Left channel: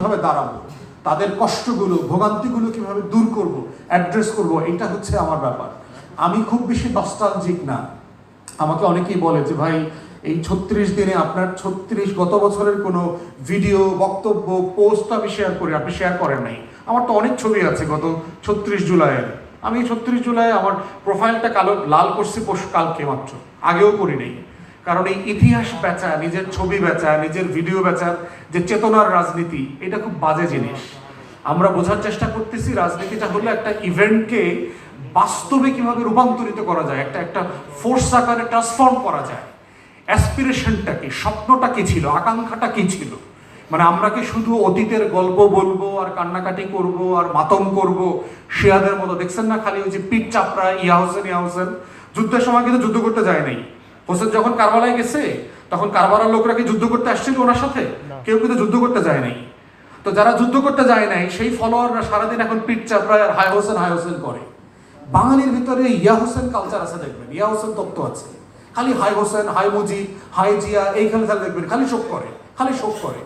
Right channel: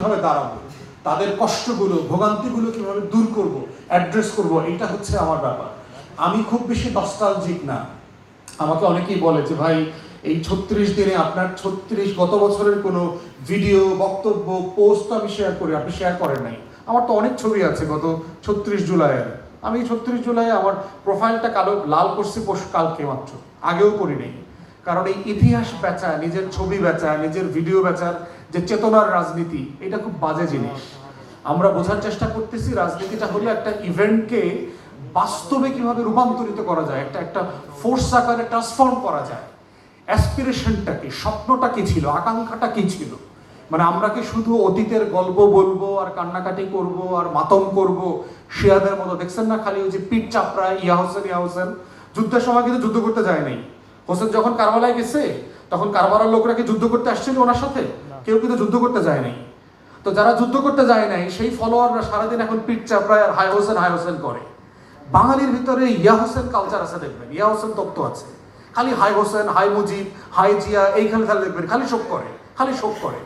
কিভাবে দাঁড়াবো, তাদের কষ্টগুলো ভোগান্তিগুলো কিভাবে দূর করব, অ্যাড্রেস করব, এটা হচ্ছে আমার ব্যাপার। আমি খুব বেশি নস্টালজিক না। আমাকে অনেকেই বলে যে ভাই এই 36 দিনে আপনার 36 গত বছরের কোনো ভিডিও, বক্তব্য, পোস্ট আমি শেয়ার করি, আপনি শেয়ার করেন নাই। আমার তো অনেক ছবি আছে গত 36 জুলাইয়ের। আমি 36 জুলাই আমার প্রোফাইলটা কালো লাল করছি কালকে মাত্র, আগেও করি নাই। কারণ এই ইতিহাস বেচা, নিজের ছবি বেচা, নিজের ভিডিও বেচার যে চেতনার রাজনীতি, এটা খুব বাজে জিনিস। আমরা বোঝার চেষ্টা করতেছি রাজনীতিটা হলো একটা ইভেন্টকে বাস্তবে কিভাবে রূপান্তরিত করা যায়, একটা একটা ফোর্স আকারে ট্রান্সফর্ম করা যায়। অ্যাসপিরেশনটা কি, স্বপ্নটা কি ছিল, আকাঙ্ক্ষাটা কি ছিল। মানে আমরা কি শুধু অতীতের গল্প বলবো আর কান্নাকাটি করব আর মাতম করব শিয়াদের মতো? দেখছেন না খালি ওই যে পিঠ চাপড়া ইয়া হোসেন যুদ্ধের সময় কিন্তু যুদ্ধ করতে যায় নাই। হোসেন যখন কারবালায় গেছে তখন কারবালার লোকরা কি যুদ্ধ করতে আসছিল ওনার সাথে? কেউ কিন্তু যুদ্ধ করতে যায় নাই। তো যারা যুদ্ধ করতে যায় নাই সেই ফলোয়াররা সারাদিন এখন পিঠ চাপড়ায় হাই হোসেন করে। বাঙালির ভিতরে ইয়া হোসেন কালচার আছে, দেখবেন ইয়া হোসেন তত্ত্ব আছে। খালি হাই হোসেন, হাই মুজিব, হাই জিয়া, এইখানে খালি দেখবেন খালি শোক করে, খালি শোক করে।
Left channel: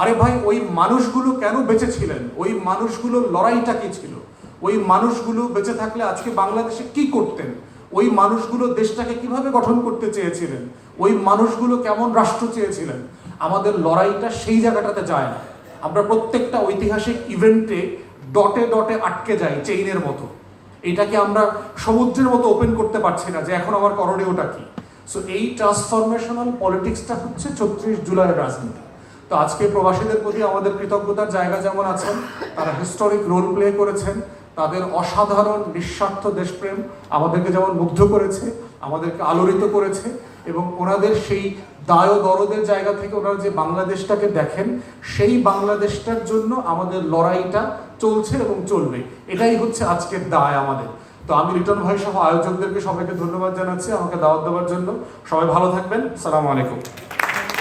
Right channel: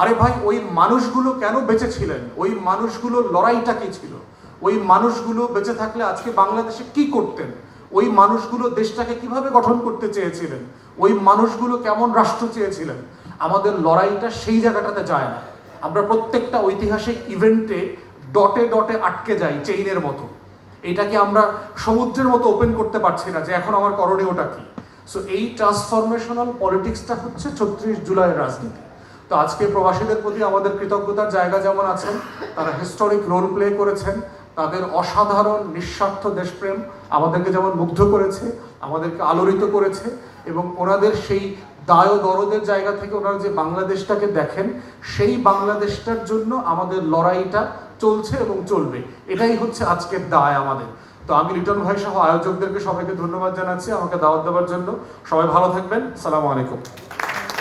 আরে ভাই, ওই মানুষগুলো কেন বেঁচে ছিলেন? ওই মানুষগুলোর লড়াইটা কি ছিল? ওই মানুষগুলো বেঁচে থাকলে আজকে বাংলাদেশে কি করতেন? ওই মানুষগুলো দেশটাকে কিভাবে গঠন করতে চেয়েছিলেন? ওই মানুষগুলো কেমন রাষ্ট্র চেয়েছিলেন? আমাদের লড়াইটা সেই জায়গাটাতে যায় না। আমরা প্রত্যেকটা ঐতিহাসিক ইভেন্টে ডটে ডটে আটকে যাই চেইনের মতো। এটাকে আমরা সমুদ্রের মতো ওপেন করতে পারছি না যে এখন আমার করণীয়টা কি। সো এই ট্রান্সফরমেশনাল পলিটিক্সটা হচ্ছে 36 জুলাইয়ের রাজনীতি। তো আজকে প্রবাসীদের প্রতি আমাদের কৃতজ্ঞতার জায়গা যেমন আছেন, তারা হিস্টোরিক রোল প্লে করেছেন, তাদের অসাধারণ নিঃস্বার্থ দেশপ্রেম আমাদেরকে যেমন মুগ্ধ করেছে, আমাদেরকে আলোড়িত করেছে, এবং ওনাদের সেই দায় দরদের জায়গা থেকে ওনারা যে বাংলাদেশটাকে দেখেন, সেই বাংলাদেশটার জন্য আমাদের লড়াইটা চলছে এবং চলবে। এটাই হচ্ছে আজকের দায় আমাদের। তো আমি লিটন ভাই সহ আয়োজকদেরকে সবাইকে ধন্যবাদ জানাচ্ছি আমাকে দাওয়াত দেওয়ার জন্য। সবাই ভালো থাকবেন। আসসালামু আলাইকুম।